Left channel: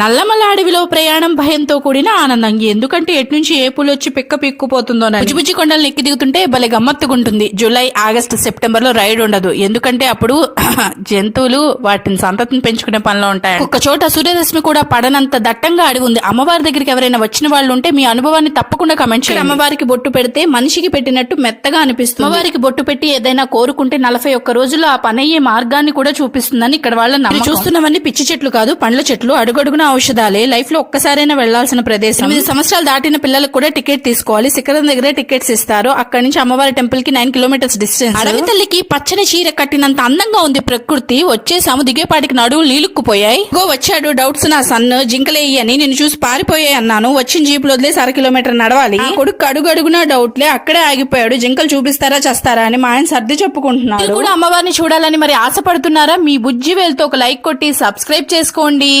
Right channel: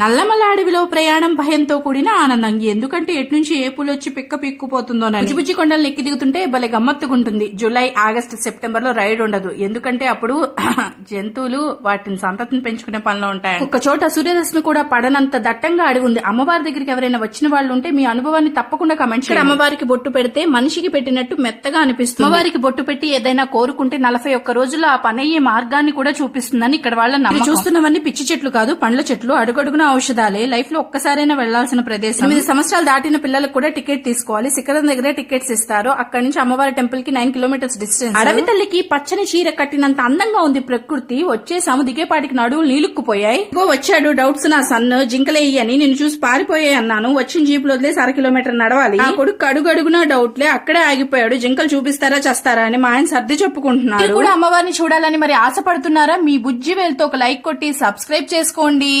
నల్లమల అడవిలో ప్రయాణం భయంతో కూడిన ఆనందం. ఎందుకంటే ఎట్నుంచి ఏ పూలు వచ్చి పిక్కుపోతుందో. బుజ్జిబుజ్జి కొండలు ఎక్కి దిగుతుంటే భలే గమ్మత్తుగుంటుంది. జూలై, ఆగస్టు, సెప్టెంబర్ లో రైడ్ ఉండదు. ఎందుకంటే అప్పుడు జంతువులు వాటిని సంతతిని పెంచుకునే పనిలో ఉంటాయి. ఒక చోట సూర్యరశ్మి కూడా పడనంత దట్టంగా అడవి ఉంది. అమ్మవారి దగ్గరికి ఎవరైనా వచ్చిన వాళ్ళు ఉంటే మీ అనుభవాన్ని తప్పకుండా కమెంట్ చేయండి. అమ్మవారికి బొట్టు పెడితే మనిషికి పెట్టినట్టు మెత్తగా అనిపిస్తుంది. అమ్మవారికి బొట్టు పెట్టి ఏదైనా కోరుకుంటే 41 రోజుల్లో ఆ పనయ్యే మార్గాన్ని కూడా చూపిస్తుందని ఇక్కడ వాళ్ళ నమ్మకం. చూస్తున్నవన్నీ పిచ్చి చెట్లు కాదు, పండ్ల చెట్లు. అడుగడుగున ఔషధాలే. లైఫ్ లో ఒక్కసారైనా వెళ్లాల్సిన ప్రదేశం. 8 సంవత్సరాలు దాటిన పిల్లలకు కూడా టికెట్ తీసుకోవాలి. శిఖరం దగ్గరే టికెట్స్ ఇస్తారు. అక్కడి నుంచి అమ్మవారి టెంపుల్ కి 9 కిలోమీటర్స్ డిస్టెన్స్. అడవి తల్లికి పచ్చని చీర కట్టినంత అందంగా ఉంది ప్రకృతి. వచ్చేసాము, దిగేపాటికి నడువులు నీలుక్కుపోయాయి. వచ్చాడు డౌట్స్ నా సన్, జింకలే అని నిన్ను చూసి పారిపోయాయి అన్నాను. వచ్చిన జీపులు వదిలేసి 1/2 కిలోమీటర్ నడవాలి. కొడుకు అడుగడుగునా డౌట్లే, అక్కడే ఆగిపోయాడు. జింకలు చూపిస్తారా చేస్తారా అని మా ఆయన సర్ది చెప్పుకుంటున్నారు. కూడా అమ్మవారిని చూడాలని మరి ఆశపడుతున్నారా? మీ బుజ్జి వేలుతో ఒక లైక్ కొట్టి సబ్స్క్రైబ్ చేసుకోండి.